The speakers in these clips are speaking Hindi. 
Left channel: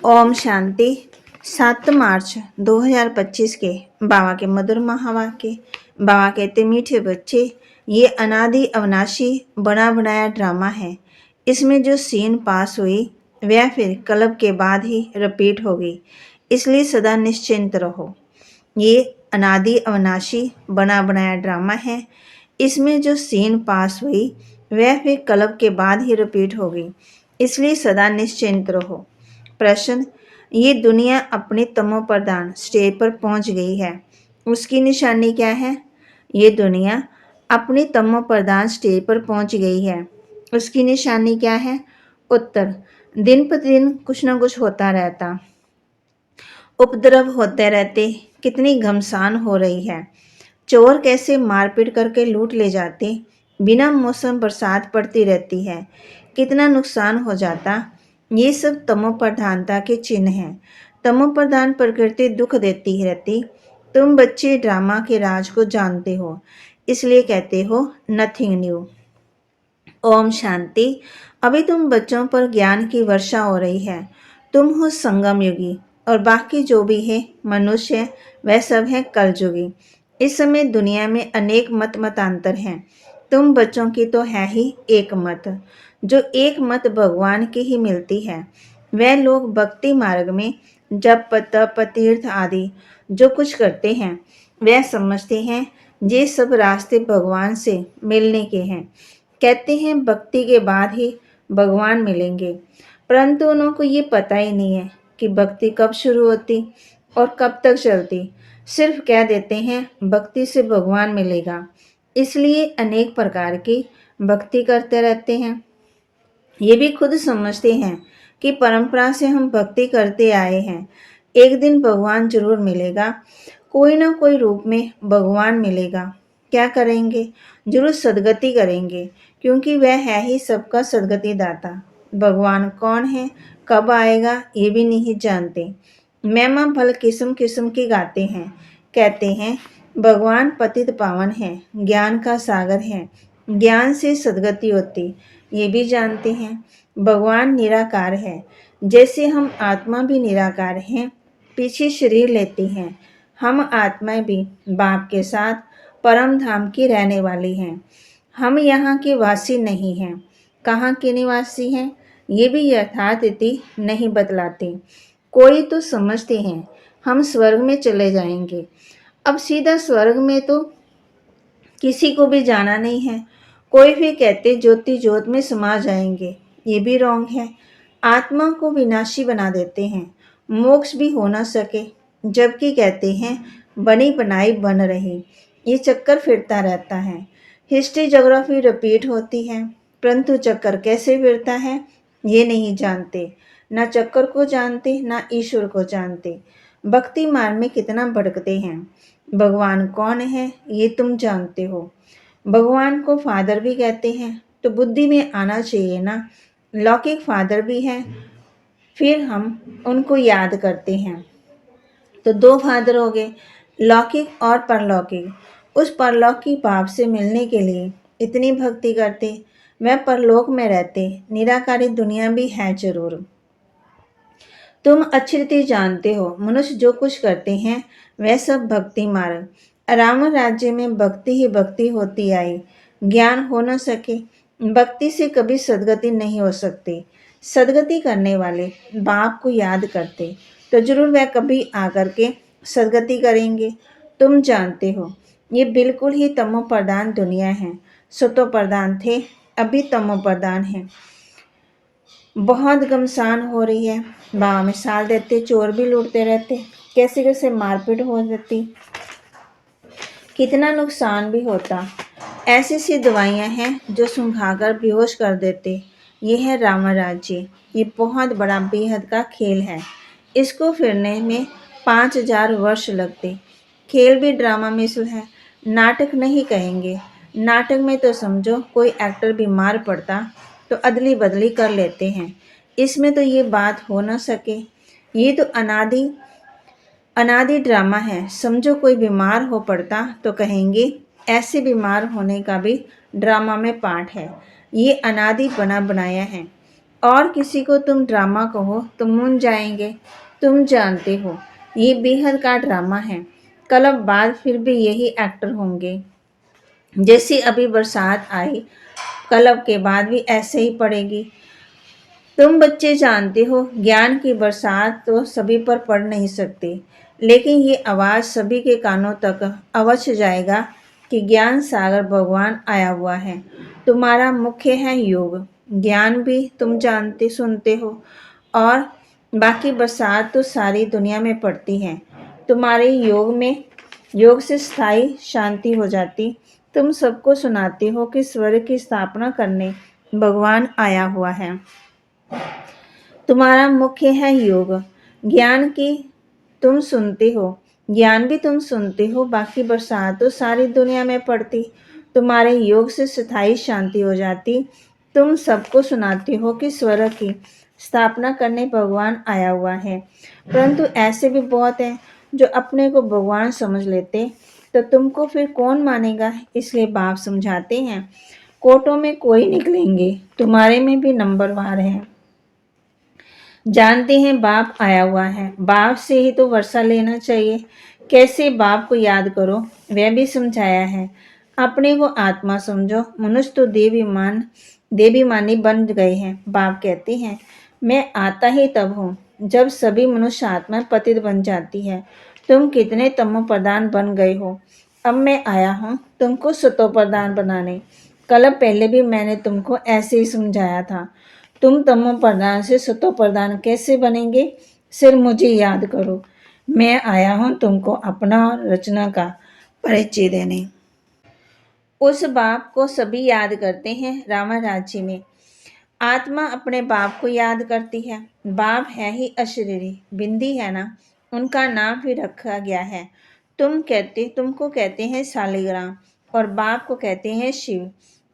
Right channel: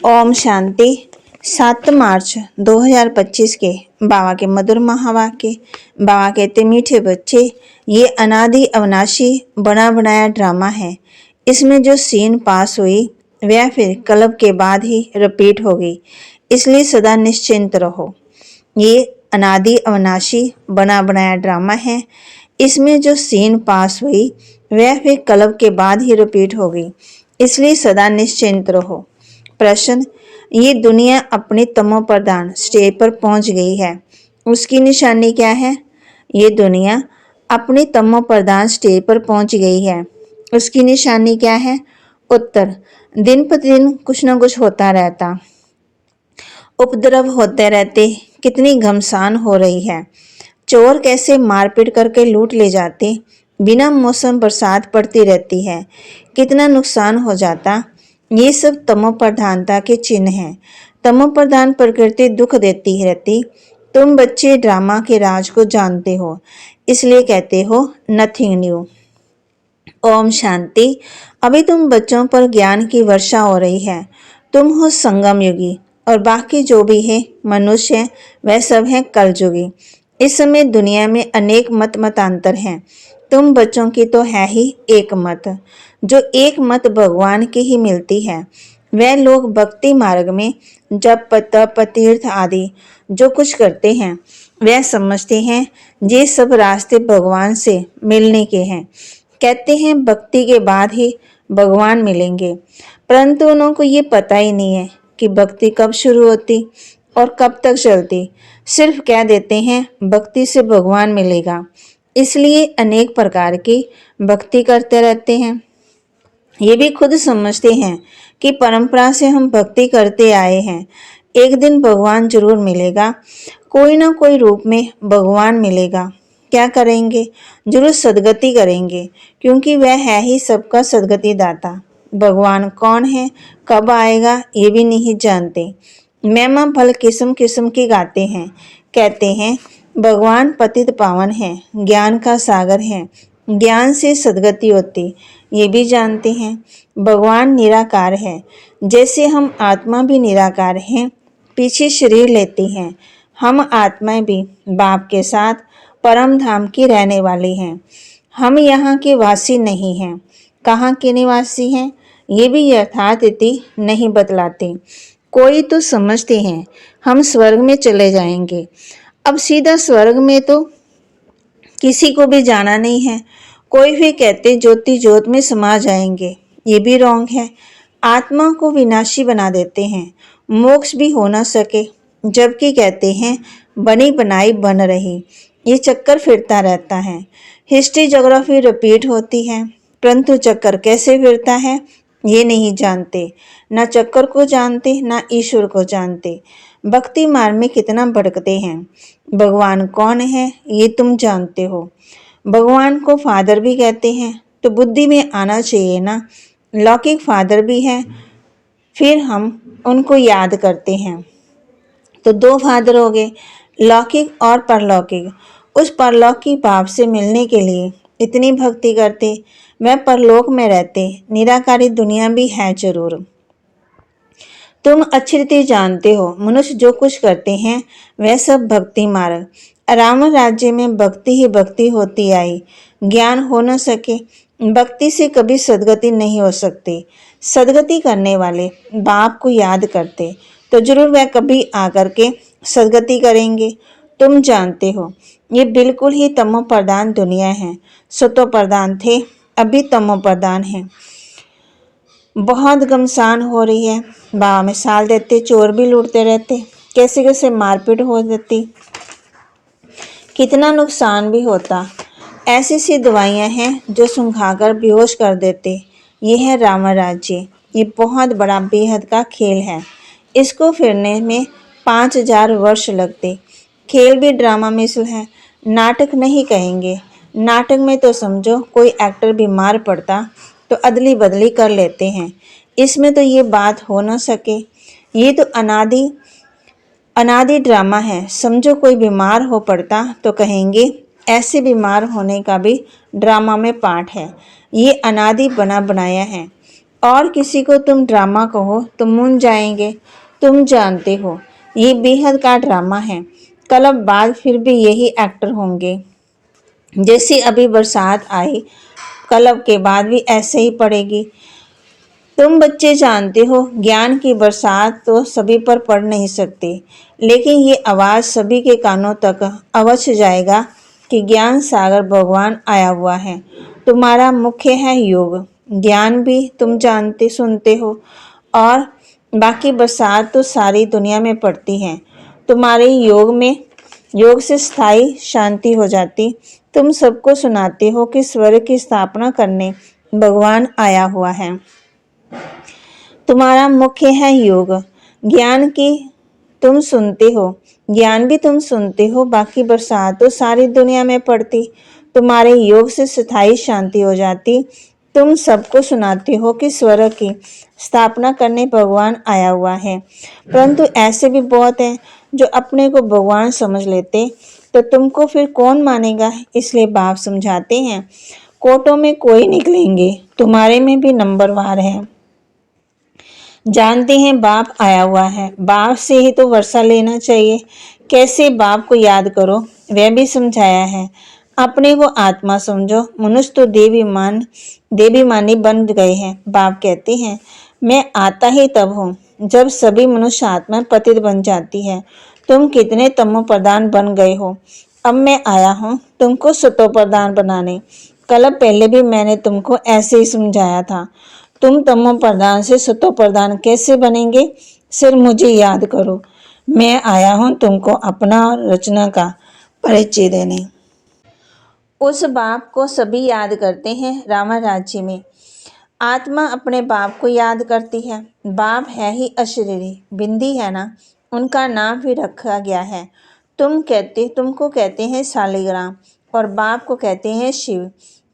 ओम शांति। 7 मार्च 2025 के बाबा के मधुर महावाक्य। बाबा कहते, मीठे बच्चे, ये अनादि अविनाशी बना बनाया ड्रामा है। इसमें जो सीन पास हुई वह फिर कल्प के बाद ही रिपीट होगी, इसलिए सदा निश्चिंत रहो। ये अनादि अविनाशी बना बनाया ड्रामा है। इसमें जो सीन पास हुई वह फिर कल्प के बाद ही रिपीट होगी, इसलिए सदा निश्चिंत रहो। प्रश्न, ये दुनिया अपने तमो प्रधान स्टेज पर पहुंच गई है, उसकी निशानी क्या है? ये दुनिया अपनी तमो प्रधान स्टेज पर पहुंच गई है, उसकी निशानी क्या है? उत्तर, दिन प्रतिदिन कुछ न कुछ होता रहता, उपद्रव होते रहते, कितनी घमसान हो रही है। चोर कैसे मारपीट करके लूट ले जाते, बिना मौसम बरसात पड़ती रहती है, कितना नुकसान हो जाता। ये सब तमो प्रधानता के चिन्ह हैं। तमो प्रधान प्रकृति दुख देती रहती। तुम बच्चे ड्रामा के राज को जानते हो, इसलिए कहते हो नथिंग न्यू। ओम शांति। अभी तुम बच्चों पर ज्ञान की वर्षा हो रही है। तुम हो संगम युगी और बाकी जो भी है मनुष्य, वह सब है कलयुगी। इस समय दुनिया में अनेक मतांतर हैं। तुम बच्चों की तो है ही एक मत, जो एक मत भगवान की ही मिलती है। वह लोग भक्ति मार्ग में जप तप तीर्थ आदि जो कुछ करते हैं, वह समझते हैं ये सब रास्ते भगवान से मिलने के हैं। कहते हैं भक्ति के बाद ही भगवान मिलेंगे, परंतु उनको ये पता ही नहीं है कि भक्ति कब शुरू होती और कब तक चलती। सिर्फ कह देते हैं भक्ति से भगवान मिलेगा, इसलिए अनेक प्रकार की भक्ति करते रहते हैं। ये भी खुद समझते हैं कि परंपरा से हम भक्ति करते आए हैं, एक दिन भगवान जरूर मिलेगा, कोई ना कोई रूप में भगवान मिलेगा। क्या करेंगे? जरूर सदगति करेंगे, क्योंकि वह है ही सबका सदगति दाता। भगवान कौन है, कब आएगा, ये भी नहीं जानते। महिमा भल किस्म किस्म की गाते हैं। कहते हैं भगवान पतित पावन है, ज्ञान का सागर है, ज्ञान से सदगति होती, ये भी जानते हैं। भगवान निराकार है, जैसे हम आत्मा भी निराकार हैं, पीछे शरीर लेती हैं। हम आत्माएं भी बाप के साथ परम धाम की रहने वाली हैं। हम यहाँ के वासी नहीं हैं। कहाँ के निवासी हैं, ये भी यथार्थ नहीं बतलाते। कोई तो समझते हैं हम स्वर्ग में चले जाएंगे। अब सीधा स्वर्ग में तो किसी को भी जाना नहीं है। कोई भी कहते ज्योति ज्योत में समा जाएंगे, ये भी रॉन्ग है। आत्मा को विनाशी बना देते हैं, मोक्ष भी हो ना सके, जबकि कहते हैं बनी बनाई बन रही। ये चक्कर फिरता रहता है। हिस्ट्री ज्योग्राफी रिपीट होती है, परंतु चक्कर कैसे फिरता है ये नहीं जानते। ना चक्कर को जानते, ना ईश्वर को जानते। भक्ति मार्ग में कितना भटकते हैं। भगवान कौन है ये तुम जानते हो। भगवान को फादर भी कहते हैं, तो बुद्धि में आना चाहिए ना। लौकिक फादर भी हैं, फिर हम उनको याद करते हैं, तो 2 फादर हो गए, लौकिक और परलौकिक। उस परलौकिक बाप से मिलने के लिए इतनी भक्ति करते, वह परलोक में रहते। निराकारी दुनिया भी है जरूर। तुम अच्छी रीति जानते हो, मनुष्य जो कुछ करते हैं वह सब भक्ति मार्ग। रावण राज्य में भक्ति ही भक्ति होती आई, ज्ञान हो न सके। भक्ति से कभी सदगति नहीं हो सकती। सदगति करने वाले बाप को याद करते, तो जरूर वह कभी आकर के सदगति करेंगे। तुम जानते हो ये बिल्कुल ही तमो प्रधान दुनिया है। सतो प्रधान थे, अभी तमो प्रधान है। बहुत घमसान हो रही है। बाबा मिसाल देते, चोर भी लूटते रहते, कैसे कैसे मारपीट हो जाती, कितना नुकसान भी होता। ऐसी सी दवाइयाँ हैं जो सुंघाकर बेहोश कर देते। ये है रावण राज्य। ये बहुत बड़ा बेहद का खेल है। इसको फिरने में 5000 वर्ष लगते। खेल भी ड्रामा मिसल है, नाटक नहीं कहेंगे। नाटक में तो समझो कोई एक्टर बीमार पड़ता तो अदली बदली कर लेते हैं। इसमें तो ये बात हो ना सके। ये तो अनादि ड्रामा है। समझो कोई बीमार हो पड़ता तो कहेंगे ऐसे बीमार होने का भी ड्रामा में पार्ट है। ये अनादि बना बनाया है और किसी को तुम ड्रामा कहो तो मूंझ जाएंगे। तुम जानते हो ये बेहद का ड्रामा है। कल अब बाद फिर भी यही एक्टर होंगे। जैसी अभी बरसात आई, कल अब के बाद भी ऐसे ही पड़ेगी। तुम बच्चे जानते हो ज्ञान की बरसात तो सभी पर पड़ नहीं सकती, लेकिन ये आवाज़ सभी के कानों तक अवश्य जाएगा कि ज्ञान सागर भगवान आया हुआ है। तुम्हारा मुख्य है योग। ज्ञान भी तुम जानते सुनते हो, और बाकी बरसात तो सारी दुनिया में पड़ती है। तुम्हारे योग से स्थायी शांति हो जाती। तुम सबको सुनाते हो कि स्वर्ग की स्थापना करने भगवान आया हुआ है। तुम्हारा मुख्य है योग। ज्ञान की तुम सुनते हो, ज्ञान भी तुम सुनते हो, बाकी बरसात तो सारी दुनिया में पड़ती। तुम्हारे योग से स्थायी शांति हो जाती। तुम सबको सुनाते हो कि स्वर्ग की स्थापना करने भगवान आया हुआ है, परंतु ऐसे भी बहुत हैं जो अपने को भगवान समझ लेते, तो तुमको फिर कौन मानेगा। इसलिए बाप समझाते हैं, कोटों में कोई निकलेंगे, तुम्हारे में भी नंबरवार है। जानते हैं बाप आया हुआ है, बाप से ही तो वर्षा लेना चाहिए। कैसे बाप को याद करो वह भी समझाया है। अपने को आत्मा समझो। मनुष्य तो देवी मानी बन गए हैं। बाप कहते हैं, मैं आता ही तब हूँ जब सभी मनुष्य आत्मा पतित बन जाती है। तुम कितने तमो प्रधान बन गए हो। अब मैं आया हूँ तुमको सतो प्रधान बनाने। कल पहले भी मैंने तुमको ऐसे ही समझाया था। तुम तमो प्रधान से सतो प्रधान कैसे बनेंगे, सिर्फ मुझे याद करो। मैं आया हूँ तुमको अपना और रचना का परिचय देने। उस बाप को सभी याद करते हैं। रावण राज्य में आत्मा अपने बाप को याद करती है। बाप है ही अशरीरी, बिंदी है ना, उनका नाम भी रखा गया है। तुमको कहते हैं शालिग्राम, और बाप को कहते हैं शिव।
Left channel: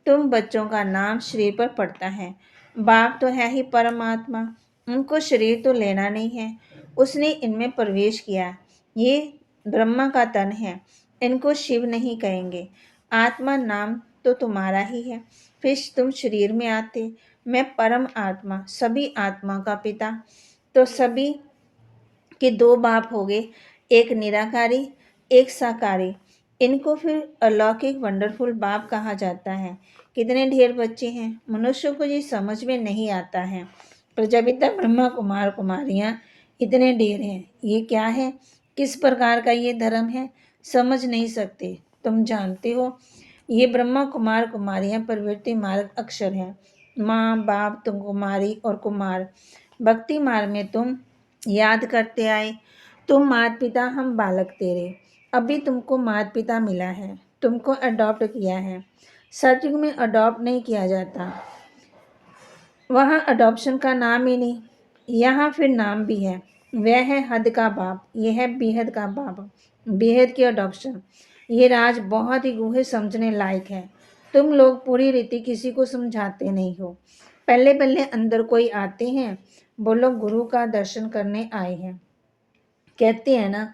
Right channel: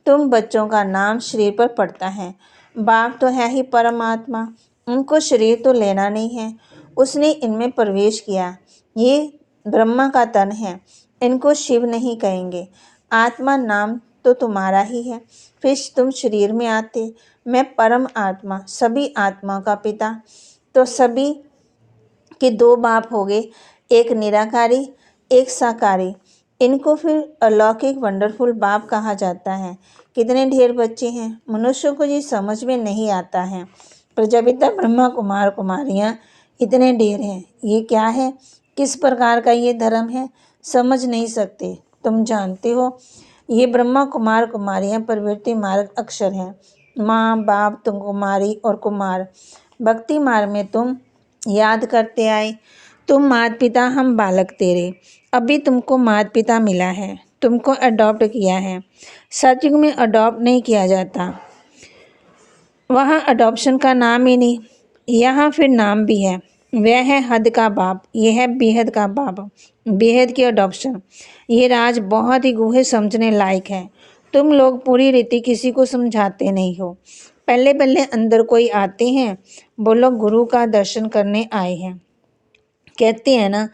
तुम बच्चों का नाम शरीर पर पड़ता है। बाप तो है ही परमात्मा, उनको शरीर तो लेना नहीं है। उसने इनमें प्रवेश किया। ये ब्रह्मा का तन है, इनको शिव नहीं कहेंगे। आत्मा नाम तो तुम्हारा ही है, फिर तुम शरीर में आते। मैं परम आत्मा, सभी आत्मा का पिता। तो सभी के दो बाप हो गए, एक निराकारी, एक साकारी। इनको फिर अलौकिक वंडरफुल बाप कहा जाता है। कितने ढेर बच्चे हैं, मनुष्यों को ये समझ में नहीं आता है। प्रजापिता ब्रह्मा कुमार कुमारियाँ इतने ढेर हैं, ये क्या है, किस प्रकार का ये धर्म है, समझ नहीं सकते। तुम जानते हो ये ब्रह्मा कुमार कुमारियाँ प्रवृत्ति मार्ग अक्षर हैं। माँ बाप तुम कुमारी और कुमार, भक्ति मार्ग में तुम याद करते आए। तुम माता पिता, हम बालक तेरे। अभी तुमको माता पिता मिला है, तुमको अडॉप्ट किया है। सतयुग में अडॉप्ट नहीं किया जाता, वहाँ अडॉप्शन का नाम ही नहीं। यहाँ फिर नाम भी है, वह है हद का बाप, यह है बेहद का बाप, बेहद की अडॉप्शन। ये राज बहुत ही गूढ़े समझने लायक है। तुम लोग पूरी रीति किसी को समझाते नहीं हो। पहले पहले अंदर कोई आते हैं, बोलो गुरु का दर्शन करने आए हैं, कहते हैं ना,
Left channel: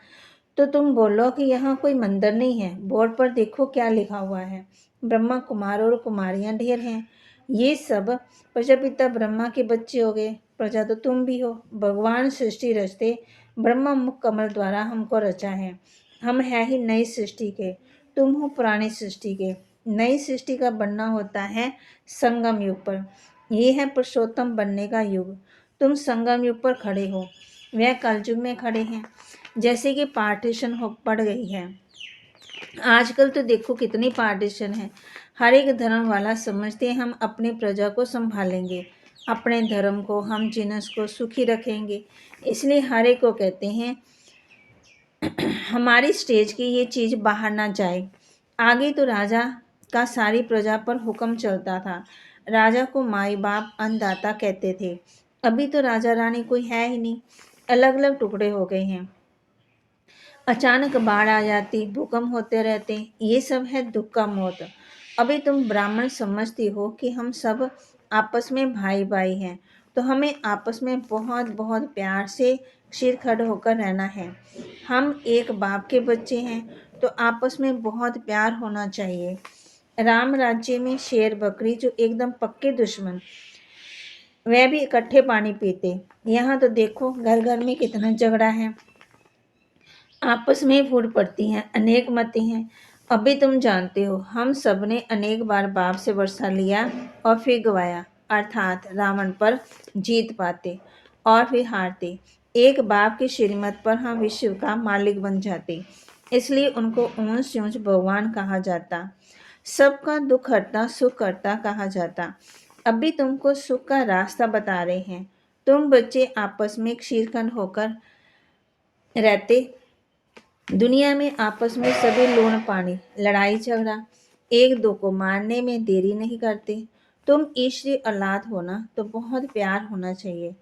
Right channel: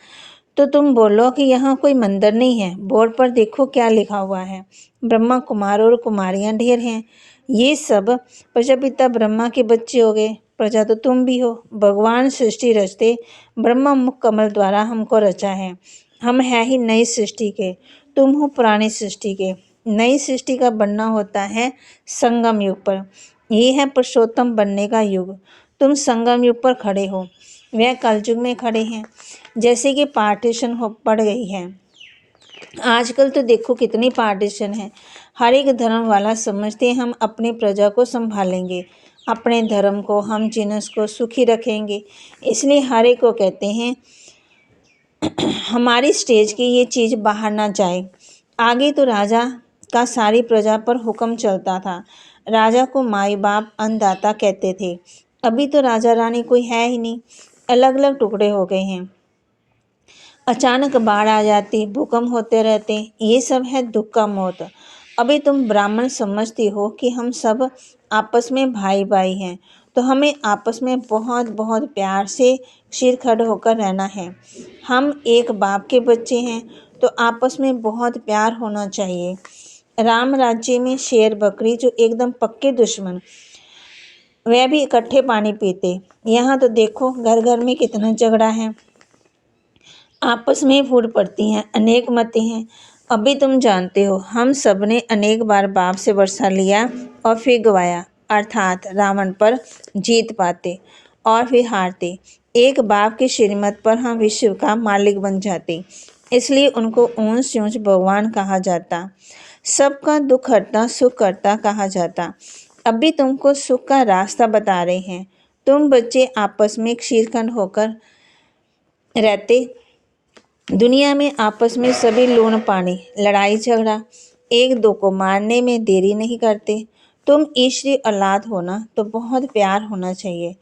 तो तुम बोलो कि यहाँ कोई मंदिर नहीं है, बोर्ड पर देखो क्या लिखा हुआ है। ब्रह्मा कुमार और कुमारियाँ ढेर हैं। ये सब प्रजापिता ब्रह्मा के बच्चे हो गए। प्रजा तो तुम भी हो। भगवान सृष्टि रचते ब्रह्मा मुख कमल द्वारा हमको रचा है। हम है ही नई सृष्टि के, तुम हो पुरानी सृष्टि के। नई सृष्टि का बनना होता है संगम युग पर। ये है पुरुषोत्तम बनने का युग। तुम संगम युग पर खड़े हो, वह कलयुग में खड़े हैं। जैसे कि पार्टीशन हो पड़ गई है। आजकल तो देखो कितनी पार्टीशन है। हर एक धर्म वाला समझते हम अपने प्रजा को संभालेंगे, अपने धर्म को, हम जिनस को सुखी रखेंगे। इसलिए हर एक को कहते हैं हमारी स्टेज की ये चीज़ बाहर ना जाए। आगे तो राजा का सारी प्रजा पर हुक्म चलता था। राजा को माई बाप अन्नदाता कहते थे। अभी तो राजा रानी कोई है ही नहीं, अलग अलग टुकड़े हो गए हैं। अचानक बाढ़ आ जाती, भूकंप होते रहते, ये सब है दुख का मौत। अभी तुम ब्राह्मण समझती हो कि हम सब आपस में भाई भाई हैं, तो हमें आपस में बहुत बहुत प्यार से सिरखड़ होकर रहना है। हम एक बाप के बच्चे हैं, तो आपस में बहुत प्यार होना चाहिए। राम राज्य में शेर बकरी जो एकदम पक्के दुश्मन, वह भी इकट्ठे पानी पीते। यहाँ तो देखो घर घर में कितना झगड़ा है, आपस में फूट पड़ती हैं, अनेक मतें हैं। अभी तुम जानते हो हम सब ने अनेक बार बाप से वर्षा लिया और फिर गवाया, अर्थात रावण पर जीत पाते और फिर हारते। एक बाप की श्रीमत पर हम विश्व का मालिक बन जाते, इसलिए उनको ऊंच ऊंच भगवान कहा जाता, सबका दुख हरता सुख करता कहा जाता। अभी तुमको सुख का रास्ता बता रहे हैं। तुम बच्चे आपस में क्षीरखंड होकर रहते, दुनिया में आपस में सभी लूण पानी, लड़ाई झगड़ा, एक दो को मारने में देरी नहीं करते। तुम ईश्वरी औलाद हो ना, तो बहुत प्यार होना चाहिए।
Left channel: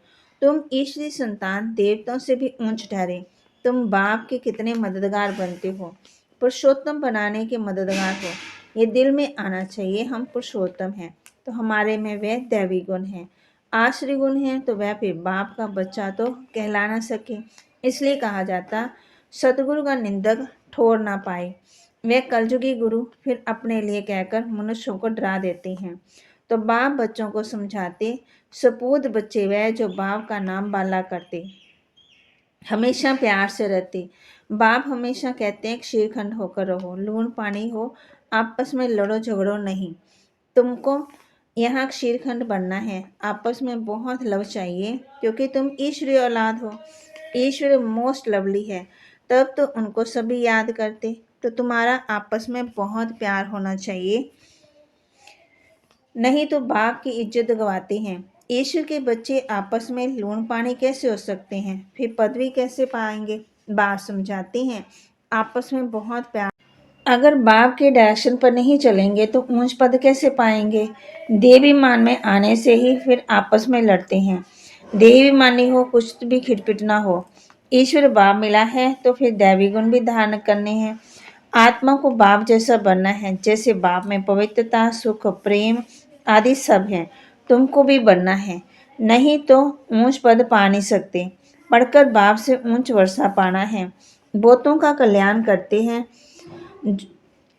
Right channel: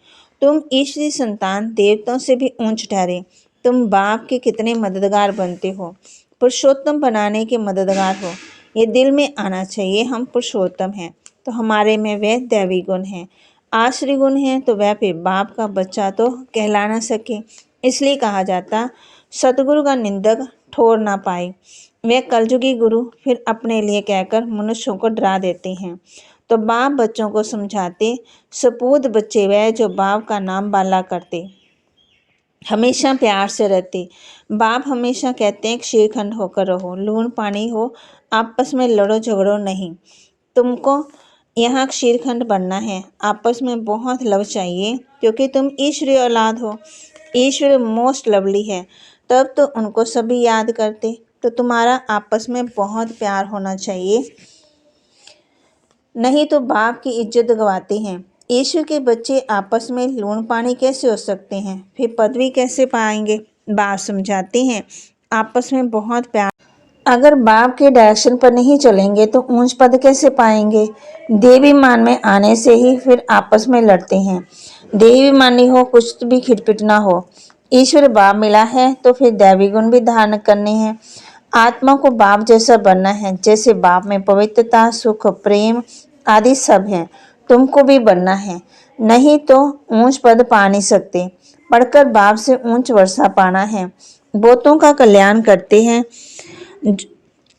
तुम ईश्वरी संतान देवताओं से भी ऊंच ठहरे। तुम बाप के कितने मददगार बनते हो, पुरुषोत्तम बनाने के मददगार हो। ये दिल में आना चाहिए, हम पुरुषोत्तम हैं तो हमारे में वह दैवी गुण है, आश्री गुण है तो वह फिर बाप का बच्चा तो कहला ना सके। इसलिए कहा जाता, सतगुरु का निंदक ठोर ना पाए। वे कलयुगी गुरु फिर अपने लिए कहकर मनुष्यों को डरा देते हैं। तो बाप बच्चों को समझाते, सपूत बच्चे वह जो बाप का नाम बाला करते, हमेशा प्यार से रहते। बाप हमेशा कहते हैं क्षीरखंड होकर रहो, लूण पानी हो, आपस में लड़ो झगड़ो नहीं। तुमको यहाँ क्षीरखंड बनना है, आपस में बहुत लव चाहिए, क्योंकि तुम ईश्वरी औलाद हो। ईश्वर मोस्ट लवली है, तब तो उनको सभी याद करते। तो तुम्हारा आपस में बहुत प्यार होना चाहिए, नहीं तो बाप की इज्जत गवाते हैं। ईश्वर के बच्चे आपस में लूण पानी कैसे हो सकते हैं, फिर पदवी कैसे पाएंगे। बाप समझाते हैं, आपस में बहुत प्यार, अगर बाप के डायरेक्शन पर नहीं चलेंगे तो ऊंच पद कैसे पाएंगे। देवी मान में आने से ही फिर आपस में लड़ते हैं। देवी मानी हो, कुछ भी खिटपिट ना हो। ईश्वर बाप मिला है तो फिर दैवी गुण भी धारण करने हैं। आत्मा को बाप जैसा बनना है, जैसे बाप में पवित्रता सुख प्रेम आदि सब है, तुमको भी बनना है। नहीं तो ऊंच पद पा नहीं सकते। पढ़कर बाप से ऊंच वर्षा पाना है। बहुतों का कल्याण करते हैं,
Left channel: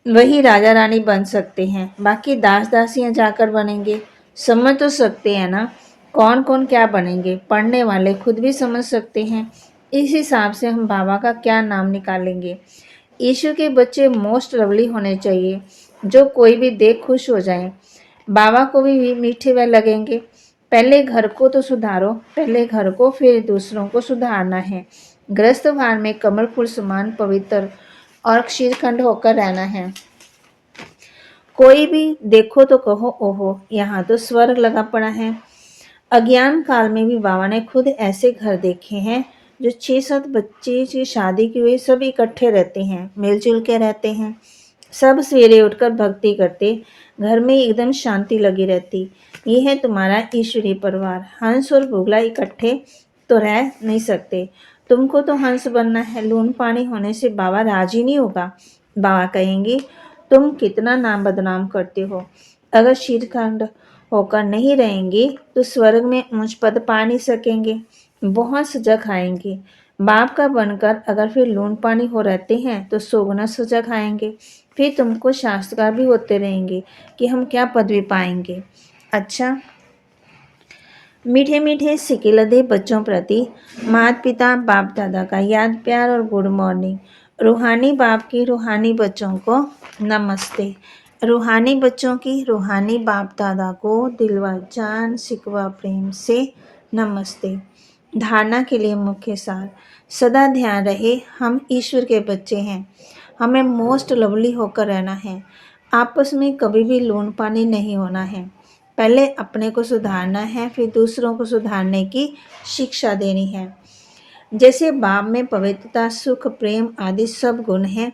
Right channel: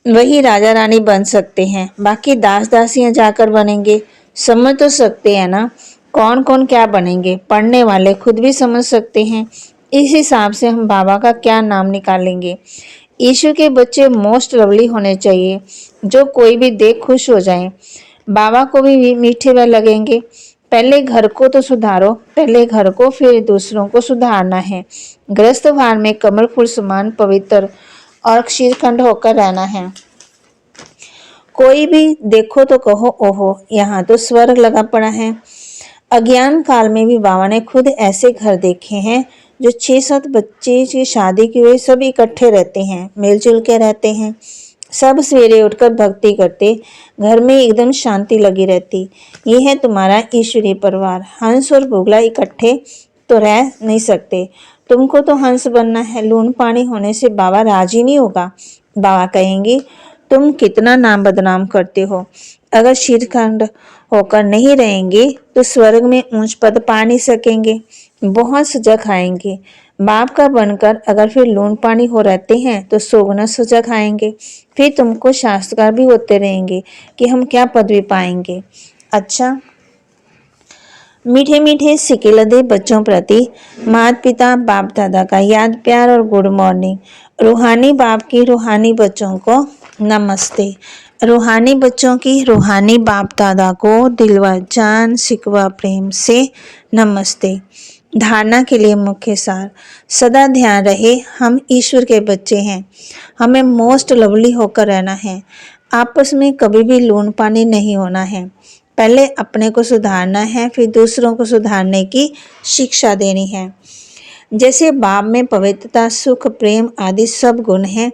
वही राजा रानी बन सकते हैं, बाकी दास दासियां जाकर बनेंगे। समझ तो सकते हैं ना कौन कौन क्या बनेंगे, पढ़ने वाले खुद भी समझ सकते हैं। इस हिसाब से हम बाबा का क्या नाम निकालेंगे। ईश्वर के बच्चे मोस्ट लवली होने चाहिए, जो कोई भी देख खुश हो जाए। बाबा को भी मीठे व लगेंगे। पहले घर को तो सुधारो, पहले घर को फिर दूसरों को सुधारना है। गृहस्थ भार में कमल फूल समान पवित्र और क्षीरखंड होकर रहना है। कोई भी देखो तो कहो, ओहो यहाँ तो स्वर्ग लगा पड़ा है। अज्ञान काल में भी बाबा ने खुद ऐसे घर देखे हैं जो 6-7 बच्चे की शादी की हुई सब इकट्ठे रहते हैं, मिलजुल के रहते हैं। सब सवेरे उठकर भक्ति करते, घर में एकदम शांति लगी रहती। ये है तुम्हारा ईश्वरीय परिवार। हंस और बुगला इकट्ठे तो रह नहीं सकते। तुमको तो हंस बनना है, लूण पानी होने से बाबा राजी नहीं होगा। बाबा कहेंगे, तुम कितना नाम बदनाम करते हो। अगर शीतखंड होकर नहीं रहेंगे तो स्वर्ग में ऊंच पद पा नहीं सकेंगे, बहुत सजा खाएंगे। बाप का बनकर अगर फिर लूण पानी हो रहते हैं तो सोगना सजा खाएंगे। फिर तुमको शास्त्रकार भी होते रहेंगे कि हम क्या पदवी पाएंगे। अच्छा, मीठे मीठे सिके लदे बच्चों प्रति माता पिता बाप दादा का याद प्यार और गुड मॉर्निंग। रूहानी बाप की रूहानी बच्चों को नमस्ते। रूहानी बच्चों की रूहानी बाप दादा को दिल व जान सिकवा प्रेम से नमस्ते। धारणा के लिए मुख्य सार, सदा ध्यान रहे हम ईश्वर के बच्चे हैं, हमें मोस्ट लवली होकर रहना है। आपस में कभी भी लूण पानी नहीं होना है। पहले अपने को सुधारना है, फिर दूसरों को सुधारने की शिक्षा देनी है। जैसे बाप में पवित्रता सुख प्रेम आदि सब गुण हैं,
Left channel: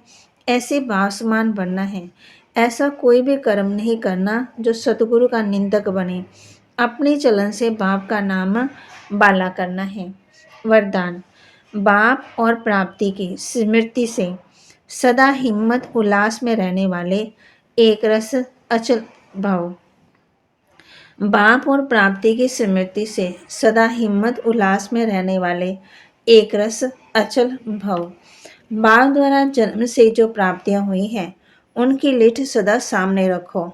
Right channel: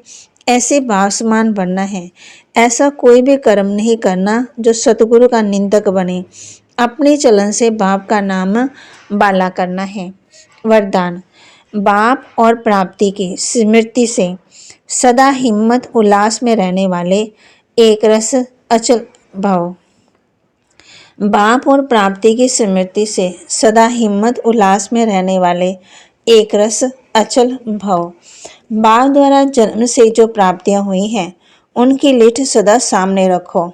ऐसे भाव समान बनना है। ऐसा कोई भी कर्म नहीं करना जो सतगुरु का निंदक बने। अपने चलन से बाप का नाम बाला करना है। वरदान, बाप और प्राप्ति की स्मृति से सदा हिम्मत उल्लास में रहने वाले, एक रस अचल भाव। बाप और प्राप्ति की स्मृति से सदा हिम्मत उल्लास में रहने वाले, एक रस अचल भव। बाप द्वारा जन्म से जो प्राप्तियां हुई हैं उनकी लिस्ट सदा सामने रखो।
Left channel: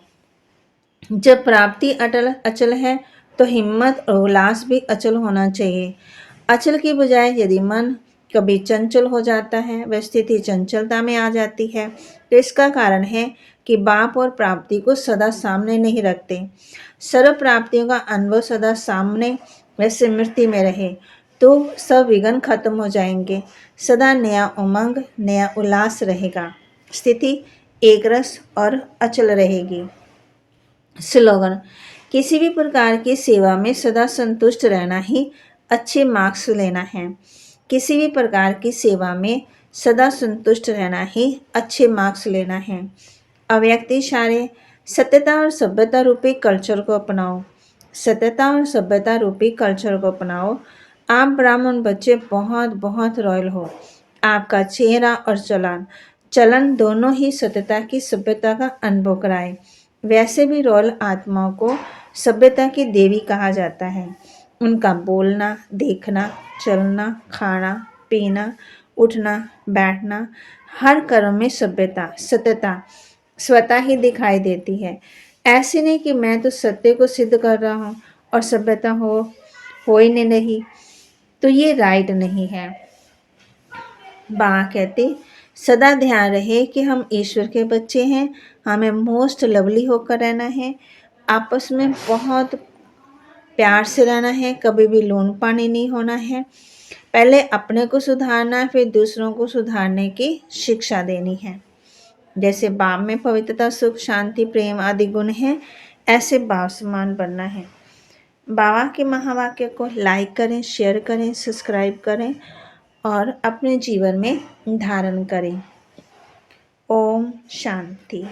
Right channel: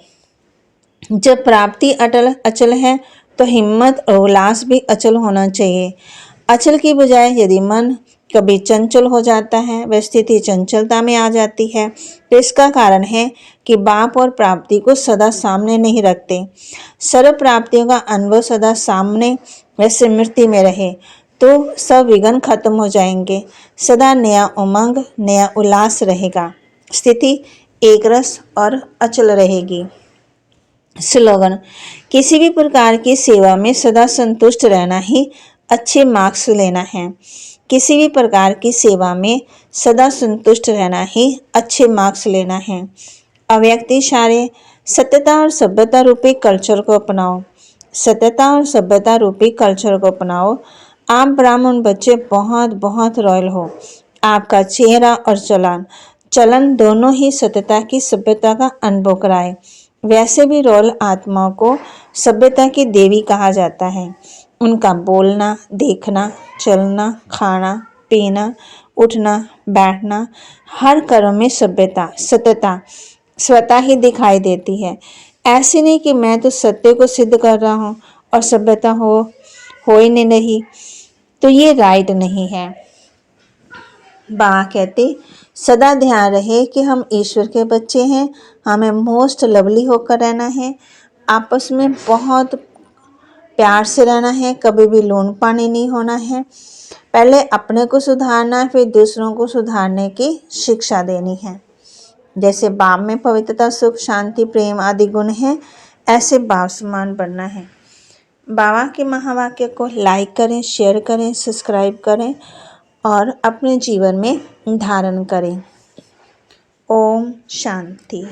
जब प्राप्ति अटल अचल है तो हिम्मत और उल्लास भी अचल होना चाहिए। अचल की बजाय यदि मन कभी चंचल हो जाता है, वह स्थिति चंचलता में आ जाती है, तो इसका कारण है कि बाप और प्राप्ति को सदा सामने नहीं रखते। सर्व प्राप्तियों का अनुभव सदा सामने व स्मृति में रहे तो सब विघ्न खत्म हो जाएंगे। सदा नया उमंग, नया उल्लास रहेगा। स्थिति एक रस और अचल रहेगी। स्लोगन: किसी भी प्रकार की सेवा में सदा संतुष्ट रहना ही अच्छे मार्क्स लेना है। किसी भी प्रकार की सेवा में सदा संतुष्ट रहना ही अच्छे मार्क्स लेना है। अव्यक्त इशारे: सत्यता और सभ्यता रूपी कल्चर को अपनाओ। सत्यता और सभ्यता रूपी कल्चर को अपनाओ। आप ब्राह्मण बच्चे बहुत बहुत रॉयल हो। आपका चेहरा और चलन दोनों ही सत्यता की सभ्यता का अनुभव कराए। वैसे भी रॉयल आत्माओं को सभ्यता की देवी कहा जाता है। उनका बोलना, देखना, चलना, खाना, पीना, उठना, बैठना, हर कर्म में सभ्यता, सत्यता स्वतः ही दिखाई देती है। ऐसे नहीं कि मैं तो सत्य को सिद्ध कर रहा हूँ और सभ्यता हो ही नहीं, तो ये राइट नहीं है। बाबा कहते सदा ध्यान रहे कि हम ईश्वर के बच्चे हैं, हमें मोस्ट लवली होकर रहना है, आपस में बहुत प्यार से रहना है, कभी भी लोन पानी नहीं होना है। पहले अपने को सुधारना, फिर दूसरों को सुधारने की शिक्षा देनी है। जैसे बाप में पवित्रता, सुख, शांति, प्रेम आदि गुण हैं, ऐसे बाप समान बनना है। बाबा के महावाक्य को लाइक करें, शेयर करें, सब्सक्राइब करें और अपने जीवन में धारण करें। ओम शांति।